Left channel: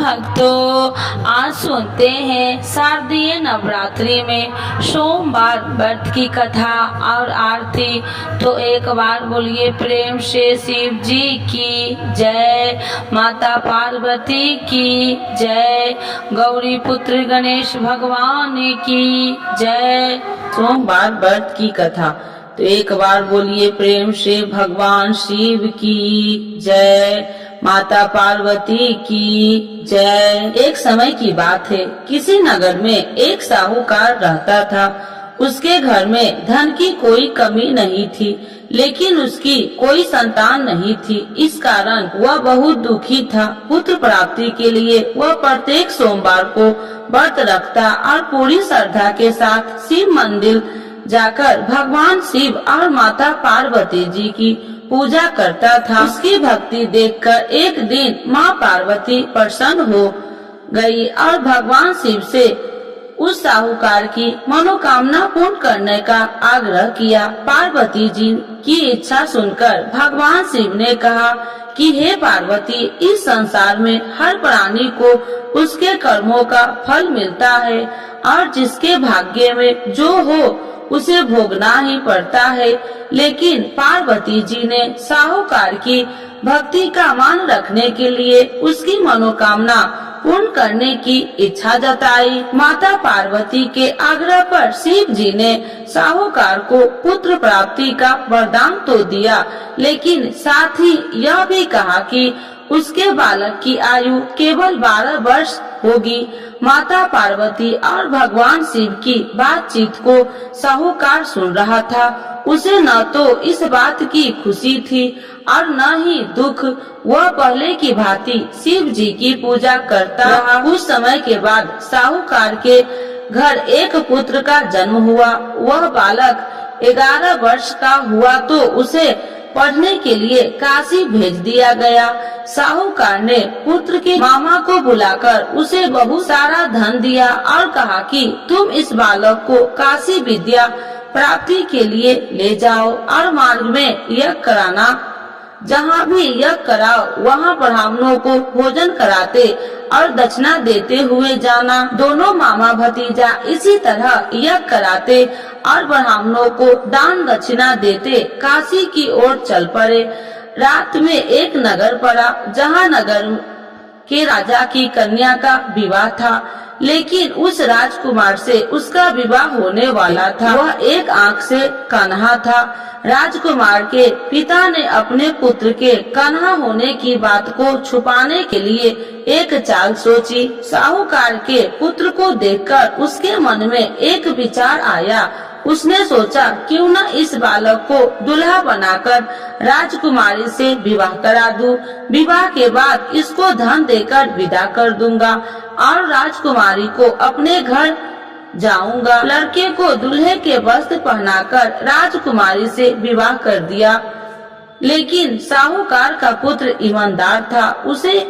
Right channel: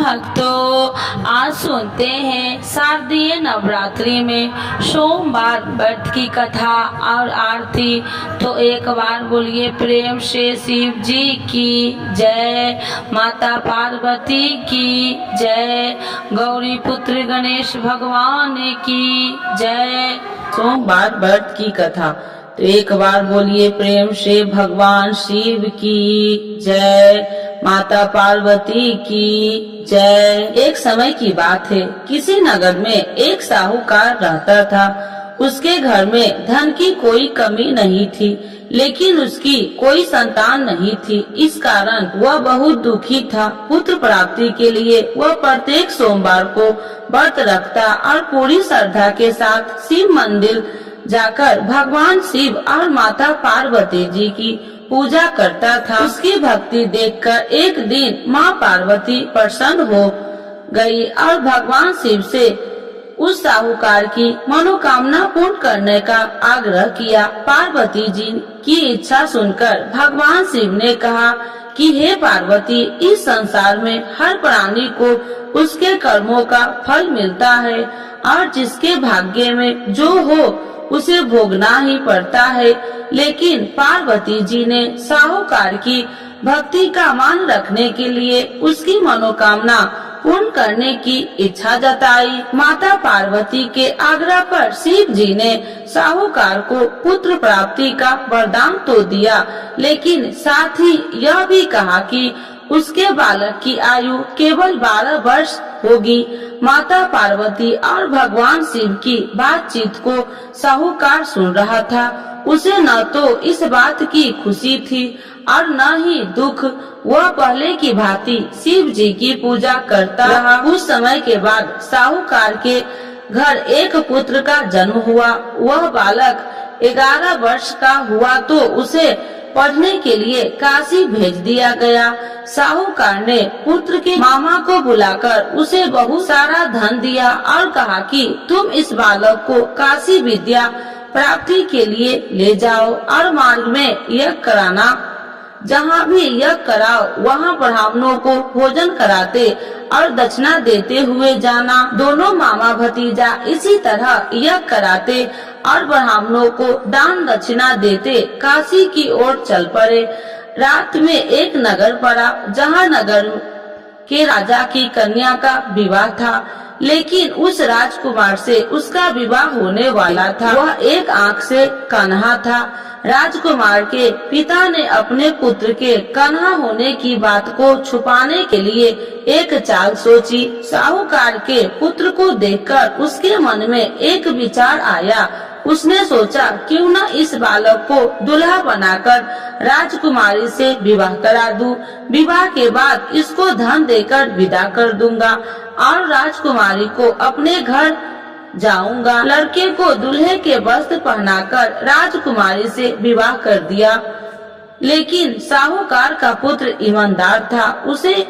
भक्तों, आज सुनते हैं शारदीय नवरात्रि में सोमवार व्रत की कथा और आरती। तो एक बार बोलिए प्रेम से शिव जी की जय, माता पार्वती की जय, गौरी पुत्र गणेश भगवान की जय। सोमवार व्रत की कथा। तो एक बार बोलिए प्रेम से भगवान शिव की जय, माता पार्वती की जय। एक समय की बात है, किसी नगर में एक साहूकार रहता था। उसके घर में धन की कोई कमी नहीं थी, लेकिन उसकी कोई संतान नहीं थी। इस कारण वह बहुत दुखी था। पुत्र प्राप्ति के लिए वह प्रत्येक सोमवार को व्रत रखता और पूरी श्रद्धा के साथ शिव मंदिर जाकर भगवान शिव और माता पार्वती जी की पूजा करता था। उसकी भक्ति देखकर एक दिन माँ पार्वती प्रसन्न हो गई और भगवान शिव से उस साहूकार की मनोकामना पूर्ण करने का आग्रह किया। पार्वती जी की इच्छा सुनकर भगवान शिव ने कहा कि हे पार्वती, इस संसार में हर प्राणी को उसके कर्मों का फल मिलता है और जिसके भाग्य में जो हो उसे भोगना ही पड़ता है। लेकिन पार्वती जी ने साहूकार की भक्ति का मान रखने के लिए उसकी मनोकामना पूर्ण करने की इच्छा जताई। माता पार्वती के आग्रह पर शिव जी ने साहूकार को पुत्र प्राप्ति का वरदान तो दिया, लेकिन साथ ही यह भी कहा कि उसके बालक की आयु केवल 12 वर्ष होगी। माता पार्वती और भगवान शिव की बातचीत को साहूकार सुन रहा था। उसे न तो इस बात की खुशी थी और न ही दुख। वह पहले की भांति शिव जी की पूजा करता रहा। कुछ समय के बाद साहूकार के घर एक पुत्र का जन्म हुआ। वह बालक 11 वर्ष का हुआ तो उसे पढ़ने के लिए काशी भेज दिया गया। साहूकार ने पुत्र के मामा को बुलाकर उसे बहुत सारा धन दिया और कहा कि तुम इस बालक को काशी विद्या प्राप्ति के लिए ले जाओ और मार्ग में यज्ञ कराना। जहाँ भी यज्ञ कराओ वहाँ ब्राह्मणों को भोजन कराते और दक्षिणा देते हुए जाना। दोनों मामा भतीजा इसी तरह यज्ञ कराते और ब्राह्मणों को दान दक्षिणा देते काशी की ओर चल पड़े। रात में एक नगर पड़ा, जहाँ नगर के राजा की कन्या का विवाह था, लेकिन उस राजकुमार से उसका विवाह होने वाला था। वह एक आंख से कन्हा था। राजकुमार के पिता ने अपने पुत्र के कन्हा होने की बात को छुपाने के लिए एक चाल सोची। साहूकार के पुत्र को देखकर उसके मन में एक विचार आया। उसने सोचा क्यों न इस बालक को दुल्हा बनाकर राजकुमारी से विवाह करा दूं। विवाह के बाद इसको धन देकर विदा कर दूंगा और राजकुमारी को अपने घर जाऊंगा। लड़के को दूल्हे के वस्त्र पहनाकर राजकुमारी से विवाह कर दिया। लेकिन साहूकार का पुत्र ईमानदार था। उसे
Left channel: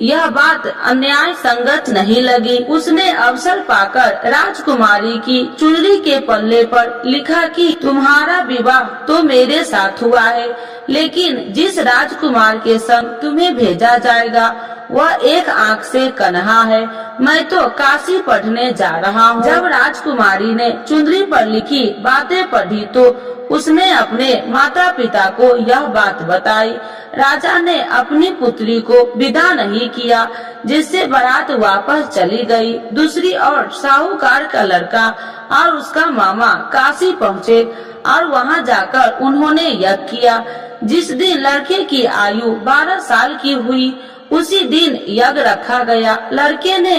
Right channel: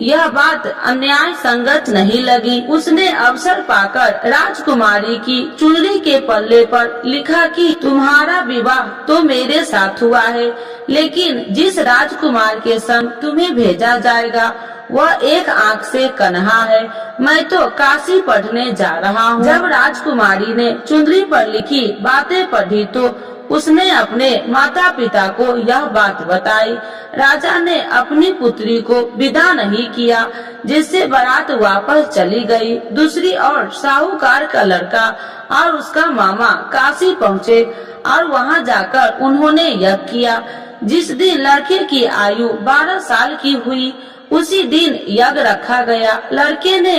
यह बात अन्याय संगत नहीं लगी। उसने अवसर पाकर राजकुमारी की चुनरी के पल्ले पर लिखा कि तुम्हारा विवाह तो मेरे साथ हुआ है, लेकिन जिस राजकुमार के संग तुम्हें भेजा जाएगा वह एक आंख से कन्हा है। मैं तो काशी पढ़ने जा रहा हूँ। जब राजकुमारी ने चुनरी पर लिखी बातें पढ़ी तो उसने अपने माता पिता को यह बात बताई। राजा ने अपनी पुत्री को विदा नहीं किया, जिससे बारात वापस चली गई। दूसरी ओर साहूकार का लड़का और उसका मामा काशी पहुँचे और वहाँ जाकर उन्होंने यज्ञ किया। जिस दिन लड़के की आयु 12 साल की हुई उसी दिन यज्ञ रखा गया। लड़के ने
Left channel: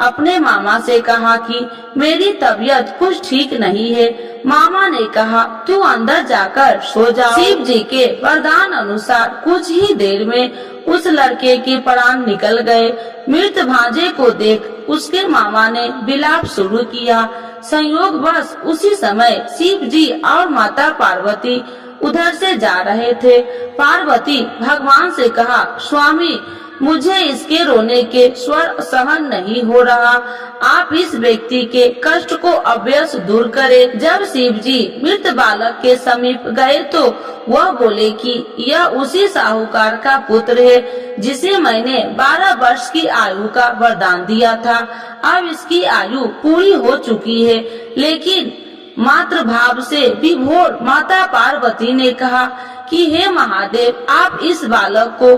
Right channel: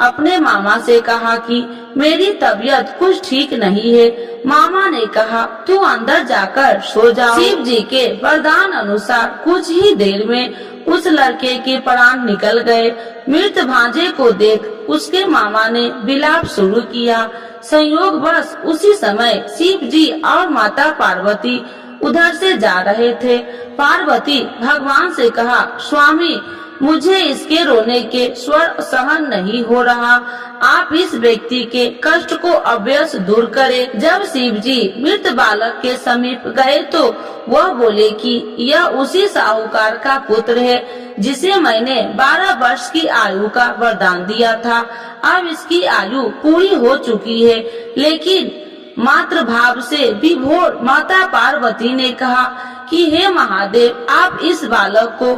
अपने मामा से कहा कि मेरी तबीयत कुछ ठीक नहीं है। मामा ने कहा तू अंदर जाकर सो जाओ। शिव जी के वरदान अनुसार कुछ ही देर में उस लड़के के प्राण निकल गए। मृत भांजे को देख उसके मामा ने विलाप शुरू किया। संयोगवश उसी समय शिव जी और माता पार्वती उधर से जा रहे थे। पार्वती भगवान से कहा स्वामी, मुझे इसके रोने के स्वर सहन नहीं हो रहा। आप इस व्यक्ति के कष्ट को अवश्य दूर करें। जब शिव जी मृत बालक के समीप गए तो वह बोले कि यह उसी साहूकार का पुत्र है जिसे मैंने 12 वर्ष की आयु का वरदान दिया था। अब इसकी आयु पूरी हो चुकी है। लेकिन मातृ भाव से विभोर माता पार्वती ने कहा कि हे महादेव, आप इस बालक को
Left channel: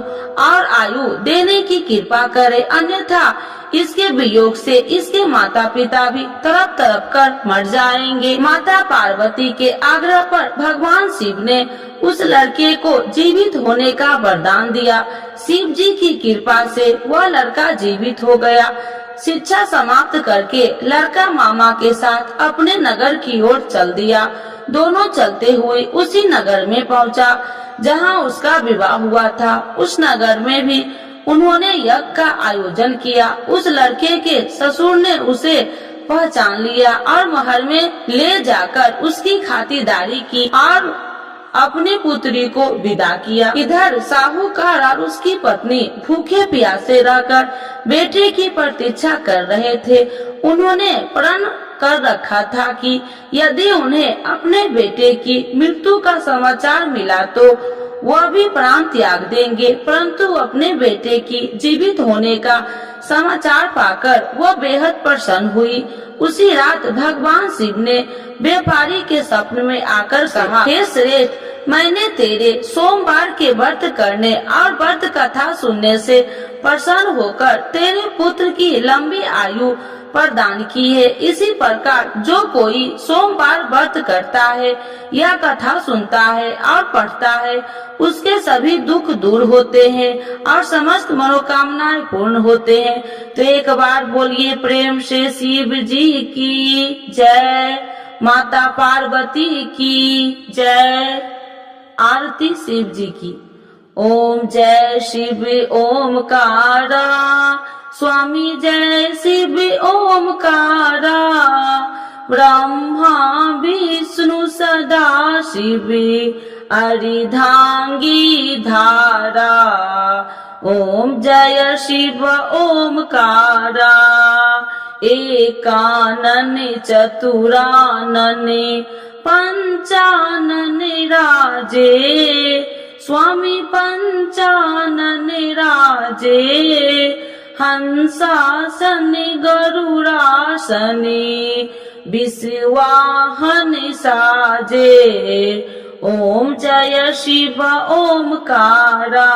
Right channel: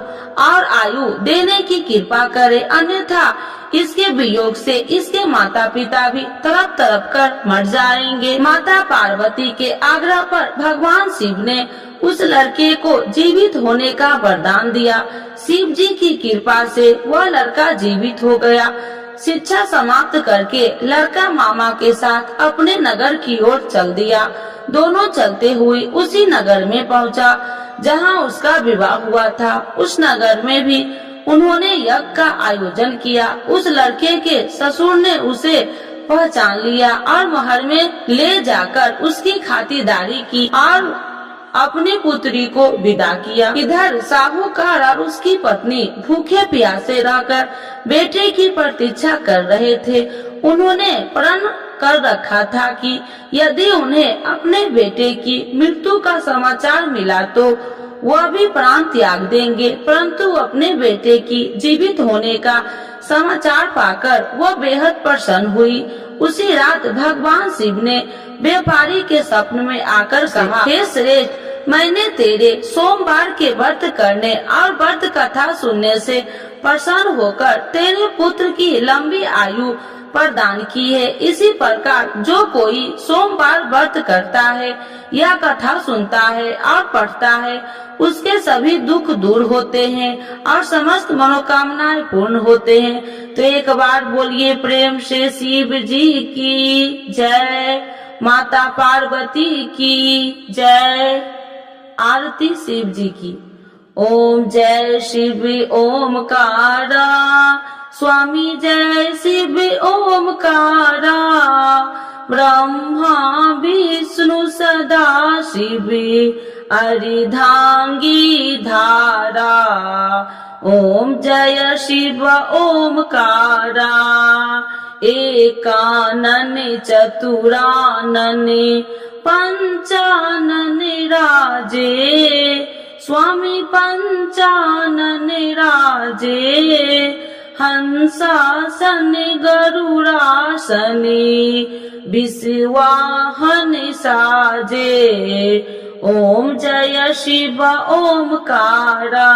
और आयु देने की कृपा करें, अन्यथा इसके वियोग से इसके माता पिता भी तड़प तड़प कर मर जाएंगे। माता पार्वती के आग्रह पर भगवान शिव ने उस लड़के को जीवित होने का वरदान दिया। शिव जी की कृपा से वह लड़का जीवित हो गया। शिक्षा समाप्त करके लड़का मामा के साथ अपने नगर की ओर चल दिया। दोनों चलते हुए उसी नगर में पहुंचा जहां उसका विवाह हुआ था। उस नगर में भी उन्होंने यज्ञ का आयोजन किया। उस लड़के के ससुर ने उसे पहचान लिया और महल में ले जाकर उसकी खातिरदारी की और अपनी पुत्री को विदा किया। इधर साहूकार और उसकी पत्नी भूखे प्यासे रहकर बेटे की प्रतीक्षा कर रहे थे। उन्होंने प्रण कर रखा था कि यदि उन्हें अपने बेटे की मृत्यु का समाचार मिला तो वह भी प्राण त्याग देंगे, परंतु अपने बेटे की जीवित होने का समाचार पाकर वह बेहद प्रसन्न हुई। उसी रात भगवान शिव ने व्यापारी के स्वप्न में आकर कहा, हे श्रेष्ठ, मैंने तेरे सोमवार के व्रत करने और व्रत कथा सुनने से प्रसन्न होकर तेरे पुत्र की लंबी आयु प्रदान की है। इसी प्रकार जो कोई सोमवार व्रत करता है या कथा सुनता है और पढ़ता है, उसके सभी दुख दूर होते हैं और समस्त मनोकामनाएं पूर्ण होते हैं। तो एक बार बोलिए प्रेम से शिव जी की जय, माता पार्वती की जय। आरती शिव जी की। ओम जय शिव ओमकारा, स्वामी जय शिव ओमकारा, ब्रह्मा विष्णु सदा शिव अर्धांगी धारा। ओम जय शिव ओमकारा, एकानन चतुरानन पंचानन राजे, स्वामी पंचानन राजे, हंसासन गरुड़ासन विश्वाहन साजे। ओम जय शिव ओमकारा,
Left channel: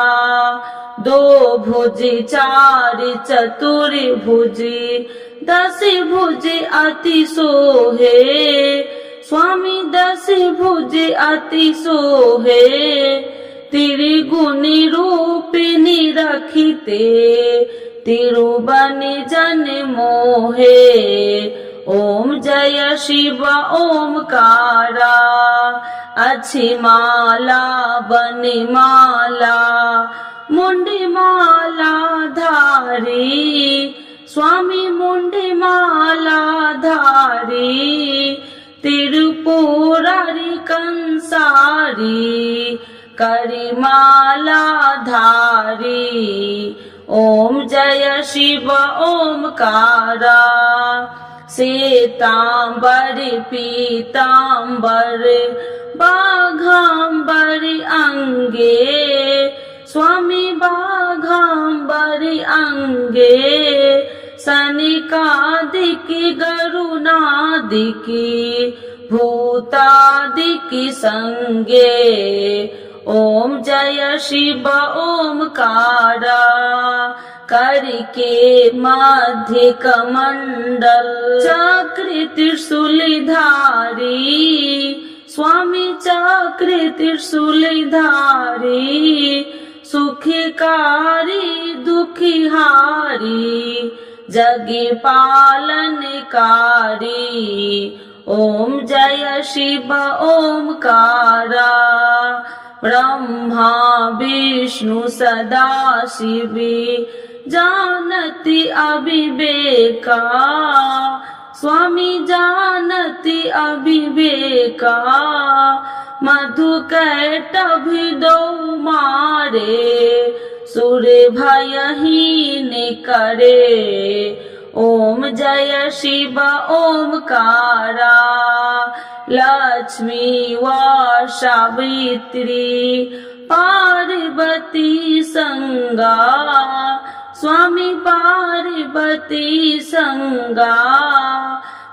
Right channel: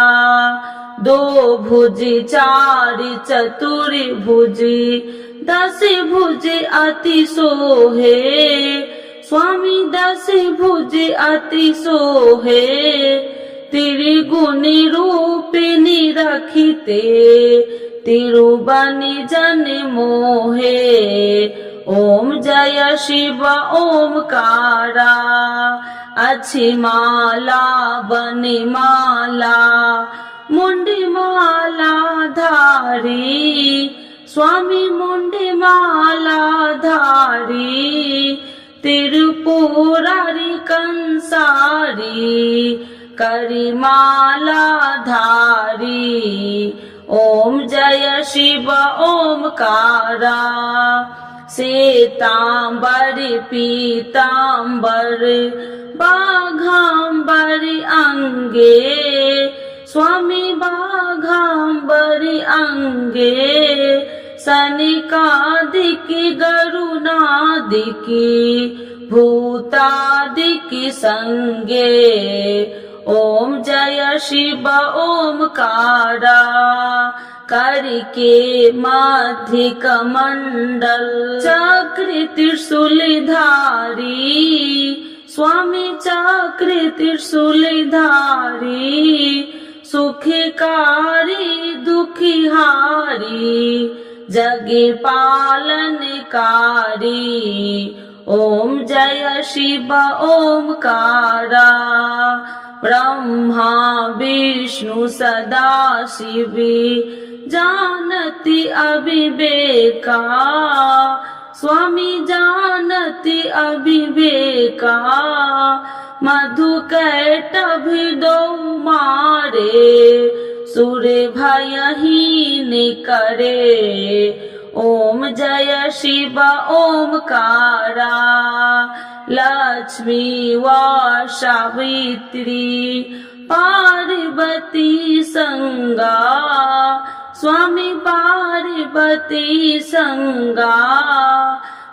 दो भुज चार चतुर भुज, 10 भुज अति सोहे, स्वामी 10 भुज अति सोहे, त्रिगुणी रूपिणी रखिते, तिरुबनि जन मोहे। ओम जय शिव ओमकारा, अच्छी माला बनि माला, मुंडी माला धारी, स्वामी मुंडी माला धारी, त्रिपुरारी कंसारी, करी माला धारी। ओम जय शिव ओमकारा, श्वेतांबर पीतांबर बाघांबर अंगे, स्वामी बाघांबर अंगे, सनिकादिक गरुनादिक भूतादिक संगे। ओम जय शिव ओमकारा, करके मध्य कमंडल चक्र त्रिशूल धारी, स्वामी चक्र त्रिशूल धारी, सुखकारी दुखिहारी, जग पालनकारी। ओम जय शिव ओमकारा, ब्रह्मा विष्णु सदा शिव जानति अविवेका, स्वामी जानति अविवेका, मधु कैटभ दो मारे, सुर भयहीन करे। ओम जय शिव ओमकारा, लक्ष्मी व सावित्री पार्वती संगा, स्वामी पार्वती संगा,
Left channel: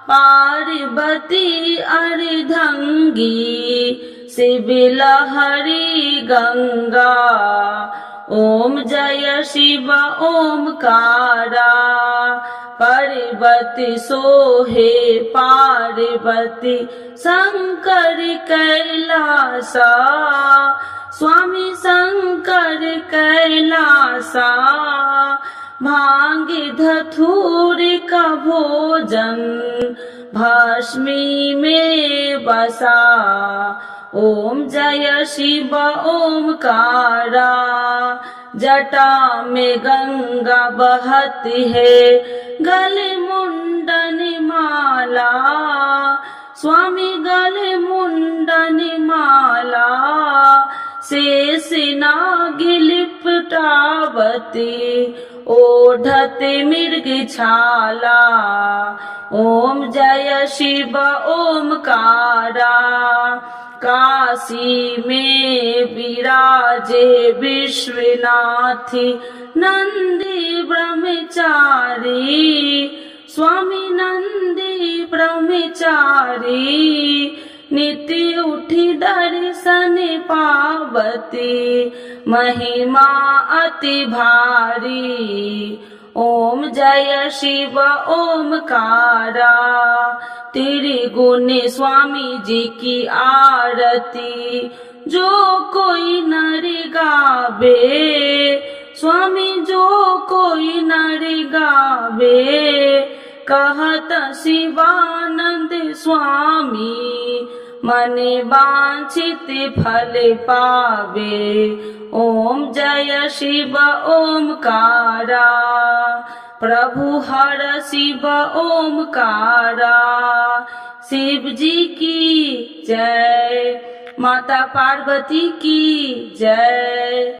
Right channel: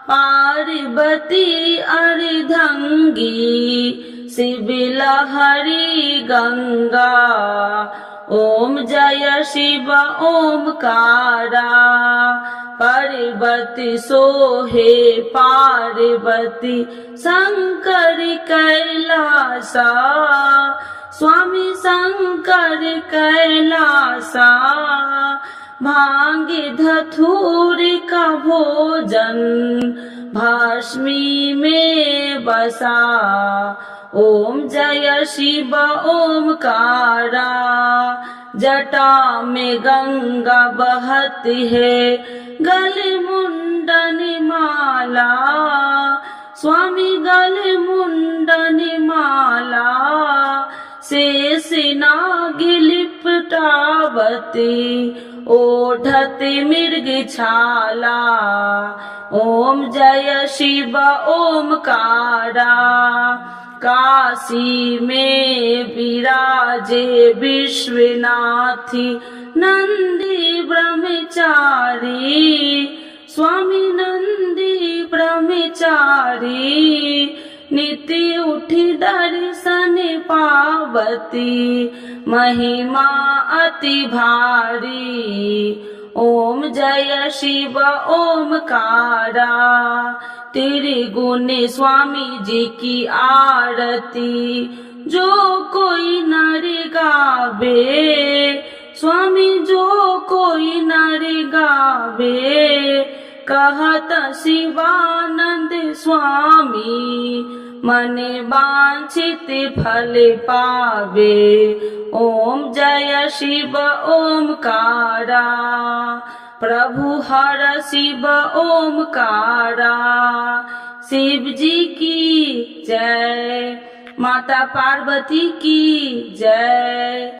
पार्वती अर्धंगी, शिव लहरी गंगा। ओम जय शिव ओमकारा, पार्वती सोहे पार्वती शंकर कैलासा, स्वामी शंकर कैलासा। भांग धतूर का भोजन भस्मी में बसा। ओम जय शिव ओमकारा, जटा में गंगा बहती है, गले मुंडन माला, स्वामी गले मुंडन माला। शेष नाग लिपटावती, ओढ़त मृग छाला। ओम जय शिव ओमकारा, काशी में विराजे विश्वनाथी नंदी ब्रह्मचारी, स्वामी नंदी ब्रह्मचारी। नित्य उठी दर्शन पावती, महिमा अति भारी। ओम जय शिव ओमकारा, त्रिगुण स्वामी जी की आरती जो कोई नर गावे, स्वामी जो कोई नर गावे। कहत शिवानंद स्वामी, मन वांछित फल पावे। ओम जय शिव ओमकारा, प्रभु हर शिव ओमकारा। शिव जी की जय, माता पार्वती की जय।